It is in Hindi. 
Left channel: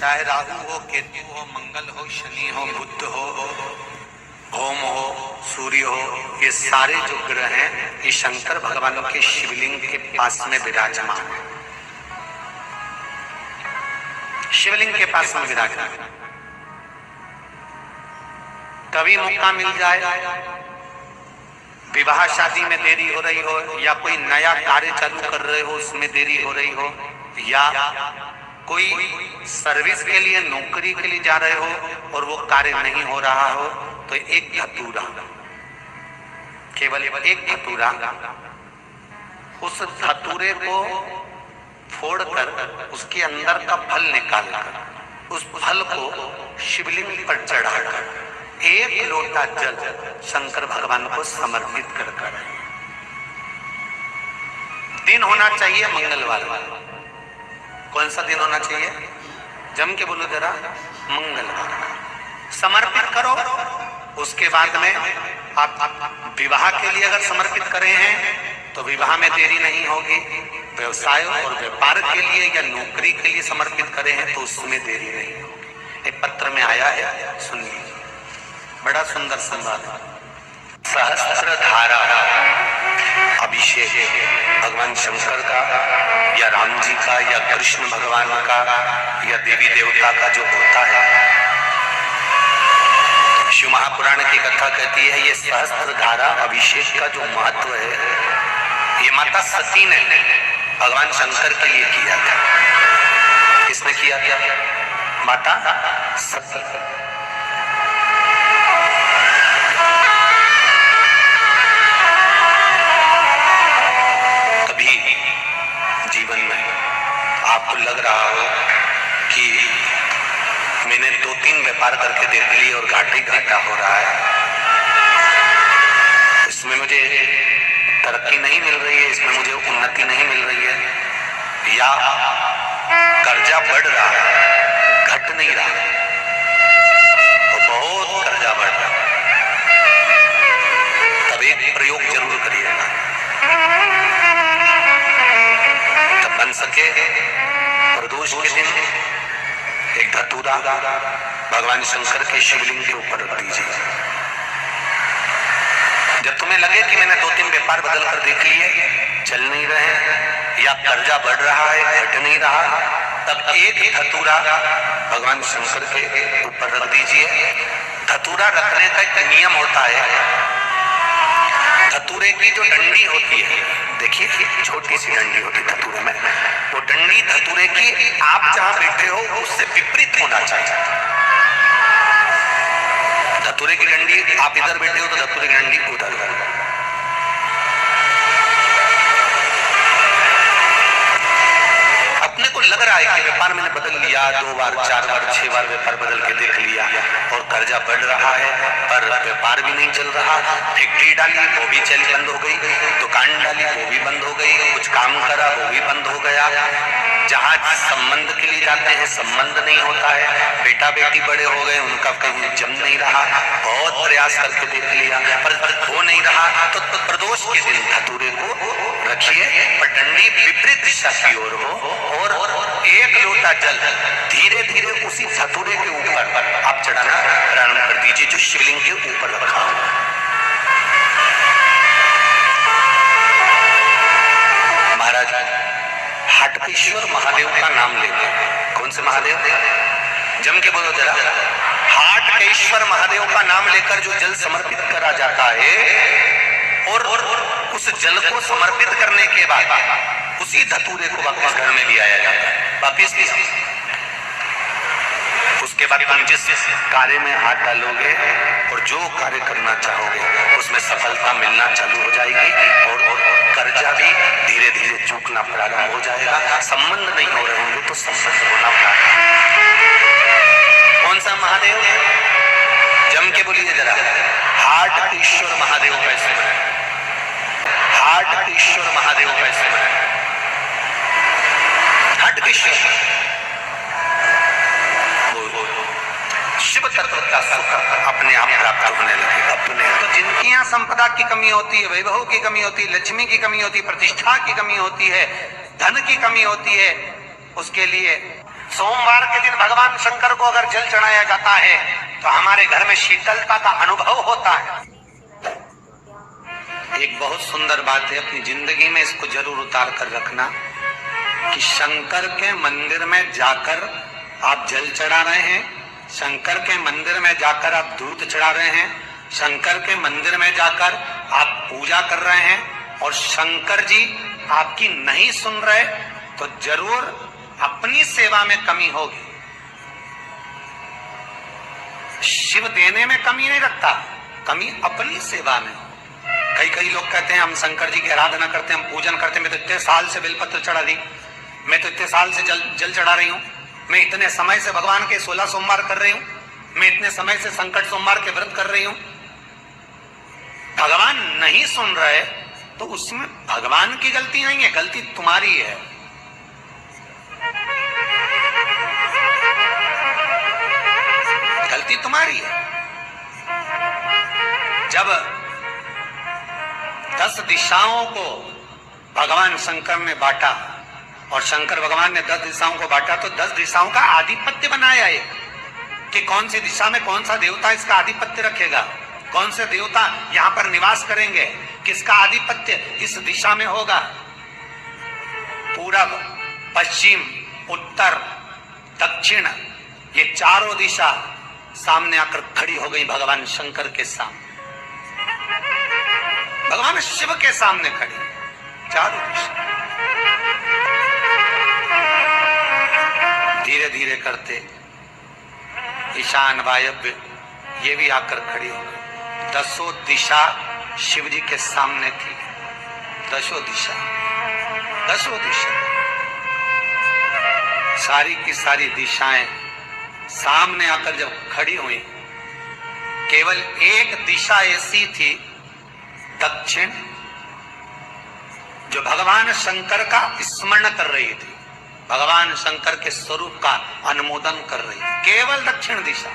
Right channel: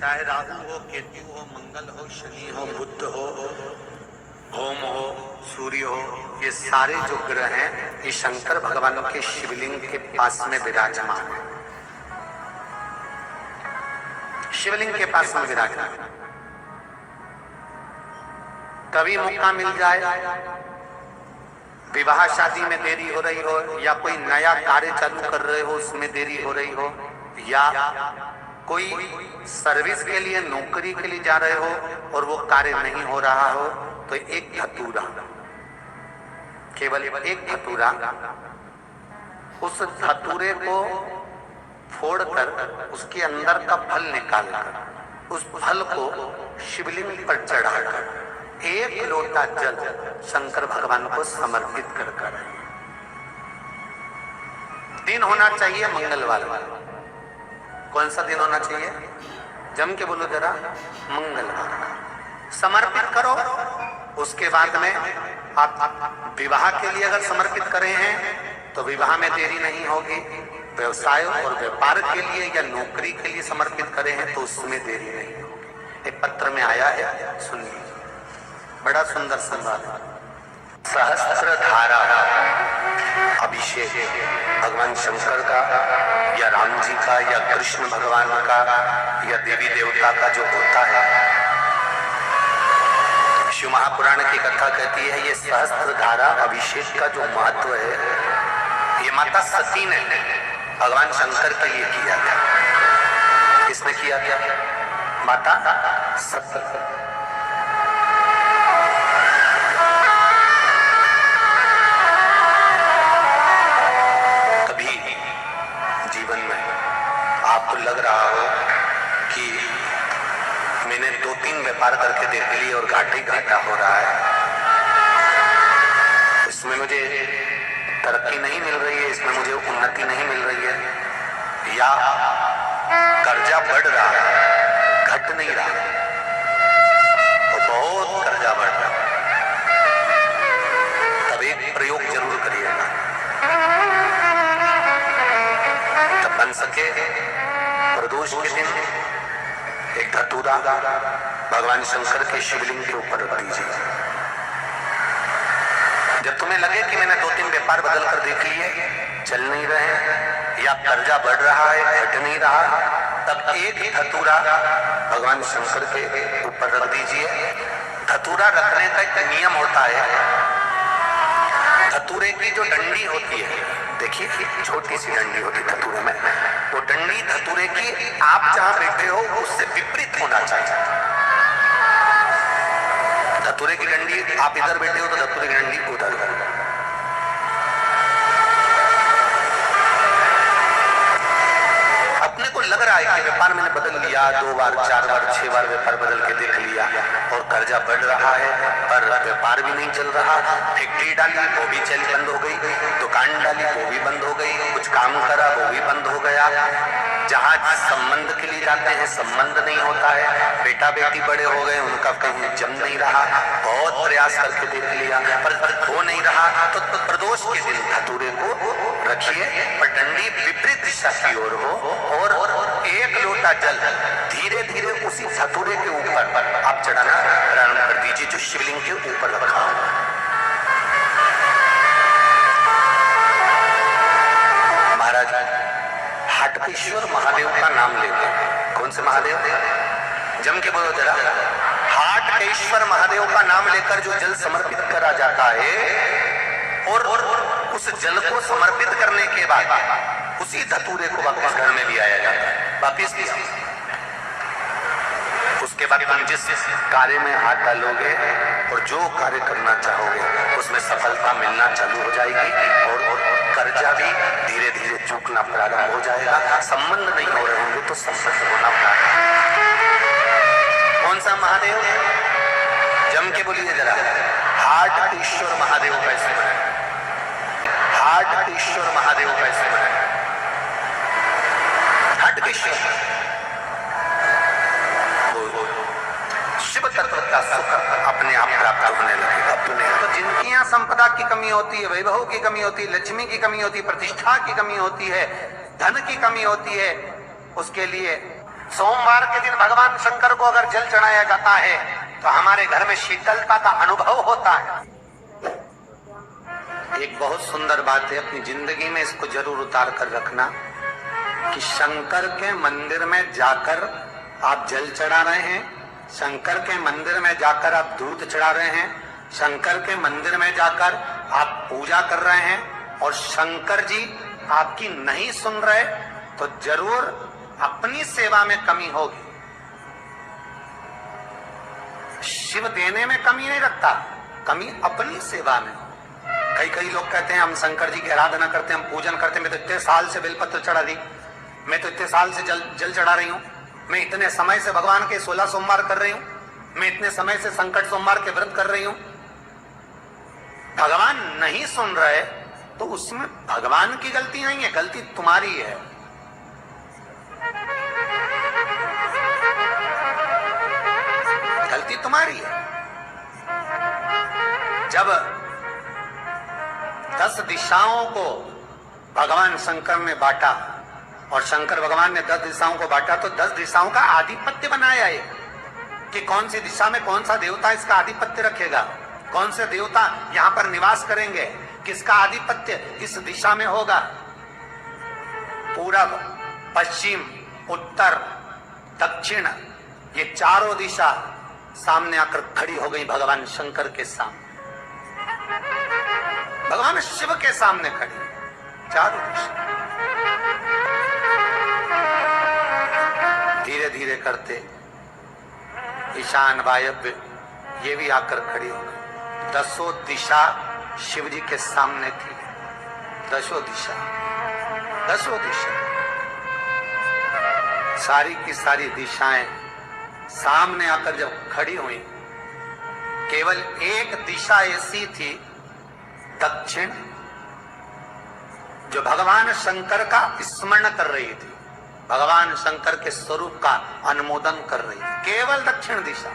चाहे राहु हो, केतु हो, मंगल हो, शनि हो, बुध हो, ओम हो, सूर्य हो, ये सारे जो ग्रह हैं ये शंकर भगवान के शिवलिंग के पास में विराजमान है। शिवलिंग के पास में विराजमान। कभी मौका मिल जाए, विवाह शादी में देरी हो रही हो, या कोई नया कार्य चालू कर रहे हो उसमें देरी हो रही हो, या कोई सर्विस के लिए, नौकरी के लिए जा रहे हो और वो कार्य नहीं हो रहा हो, तो एक धतूरा, केवल एक धतूरा, उस धतूरे को फोड़कर उसके अंदर का फल निकालकर उस फल को शिवलिंग पर चढ़ाकर एक लोटा जल शंकर भगवान को समर्पित कर दिन होना चाहिए मंगलवार। कौन सा दिन होना चाहिए? जम के बोलो जरा, मंगलवार समर्पित करो। उसके बाद में आप विवाह के लिए अगर समर्पित करे हैं तो विवाह में देरी नहीं होगी। व्यवसाय और व्यापार के लिए या नौकरी के लिए समर्पित करे हैं तो उसमें देरी नहीं होगी। एक पत्र में आया है, सुन लीजिए, बड़ा सुंदर संवाद। सहस्त्र धारा अभिषेक भगवान शंकर का या राम जी का या कृष्ण भगवान का या देवी देवता का जो होता है, शिव महापुराण की कथा कहती है ये सहस्त्र धारा अभिषेक का जो महत्व है, ये माता सती ने भगवान शंकर के लिए किया था। किसने किया था? माता सती। कभी जीवन में आपको लग रहा हो कि मैंने 2-3 व्यापार करके देख लिए और घाटा ही घाटा हो रहा है, इसमें मुझे तरक्की नहीं मिल रही है, इसमें मुझे उन्नति नहीं मिल रही है, या कर्जा बढ़ रहा है, घट नहीं रहा, तो बहुत कर्जा बढ़ रहा है, तब एक प्रयोग जरूर करिएगा। तब बन सके प्रदोष के दिन एक धतूरा भगवान शंकर के शिवलिंग के ऊपर रख दीजिए। जब तुम्हें लगे कि मैंने 2-3 व्यापार बदल कर देख लिए, चल नहीं रहे या कर्जा बढ़ रहा है, घट नहीं रहा, तब एक धतूरा भगवान शंकर के ऊपर रख दीजिए। धतूरा रखने का एक नियम होता है। धतूरे की जो डंडी होती है, देखिए छोटी सी डंडी होती है धतूरे में, वो डंडी धतूरे की आप जहां बैठे हो उससे विपरीत होना चाहिए। धतूरे की डंडी आप इधर बैठे हो तो धतूरे की डंडी उधर। अपने को लग रहा है कि व्यापार मैंने बदल लिया, 2 बार 4 बार 6 बार व्यापार बदल के देख लिया और कर्जा बढ़ रहा है, पर व्यापार भी नहीं चल रहा। फैक्ट्री डाली वो भी चल बंद हो गई, दुकान डाली वो भी बंद हो गई, कुछ काम करा वो भी बंद हो गया। जहाँ संबंध के लिए जाते हैं संबंध नहीं होता है, बेटा बेटी बड़े हो गए उनका कहीं जम नहीं रहा, बहुत प्रयास करके देख लिया पर हो नहीं रहा। तो प्रदोष के दिन धतूरे को रखिए, पर डंडी विपरीत दिशा की ओर हो और एक लोटा जल धीरे धीरे उसी धतूरे के ऊपर आप चढ़ाना प्रारंभ कर दीजिए जो शिवलिंग के ऊपर रखा हो। महाराज हाटकेश्वर महादेव का नाम लेकर, कौन से महादेव? जम के बोलो जरा, हाटकेश्वर महादेव का नाम लेकर जो जल समर्पित करा जाता है और उस जल को समर्पित करने के बाद उसी धतूरे को वापस घर में ले आया जाता है, वापिस लिया। उसके बाद तुम जिस कार्य में हाथ डालोगे और जो कार्य करना चाहोगे उसमें सफलता मिलना चालू हो जाएगी और कर्जा भी धीरे धीरे चूकना प्रारंभ हो जाएगा। संबंध नहीं हो रहे होंगे तो संबंध होना प्रारंभ। कौन सा महादेव? जम के बोलिए जरा, हाटकेश्वर महादेव कैसे बने? हाटकेश्वर महादेव कैसे बने? हाटकेश्वर शिव तत्व का सुख अपने आप प्राप्त होने लगेगा। तो जिनकी यहाँ संपदा की कमी होती है, वैभव की कमी होती है, लक्ष्मी की कमी होती है, प्रतिष्ठा की कमी होती है, धन की कमी होती है, उसके लिए सोमवार के दिन भगवान शंकर को अगर जल चढ़ाया जाता है तो हमारे घर में शीतलता का अनुभव होता है। एक बहुत सुंदर बात है, अपनी जिंदगी में इसको जरूर उतार कर रखना कि शंकर के मंदिर में जाकर आप जल चढ़ा रहे हैं, शंकर के मंदिर में जाकर आप दूध चढ़ा रहे हैं, शंकर के मंदिर में जाकर आप पूजा कर रहे हैं और शंकर जी आपकी नहीं सुन रहे तो जरूर अपनी सेवा में कमी होगी। शिव देने में कमी नहीं रखता, कमी अपनी सेवा में। कई लोग कहते हैं हम शंकर जी की आराधना करते हैं, हम पूजन करते हैं, मैं तो इतने साल से बेलपत्र चढ़ा दी, मैं तो इतने साल से जल चढ़ा रही हूं, मैं इतने समय से भगवान के 16 सोमवार कर रही हूं, मैं इतने समय से संकट सोमवार के व्रत कर रही हूं। भगवान नहीं सुन रहे तो उसमें भगवान की गलती नहीं है, गलती तुम्हारी है। गलती तुम्हारी है। जब 10 दिशाओं को भगवान शंकर ने बांटा और शंकर भगवान ने 10 दिशाओं को बांटा तो 10 दिशाओं का आधिपत्य बनाया है कि कौन सी दिशा में कौन सा देवता इसका आधिपत्य रखेगा, कौन से देवता यहां पर निवास करेंगे, किसका आधिपत्य इस दिशा में होगा। पूरब, पश्चिम, उत्तर, दक्षिण, ये चारों दिशा सामने आकर खड़ी हो गई भगवान शंकर के सामने, भगवान शिव के सामने खड़ी चारों दिशा। धीरे धीरे करते ईशान, वायव्य ये भी आकर खड़ी हो गई। 10 दिशा शिव जी के सामने थी, 10 दिशा, 10 दिशा, सारी की सारी दिशाएं सामने आकर जब खड़ी हुई, केवल एक दिशा ऐसी थी दक्षिण, जो भगवान शंकर का स्मरण कर रही थी, भगवान शंकर के स्वरूप का अनुमोदन कर रही थी, केवल दक्षिण दिशा।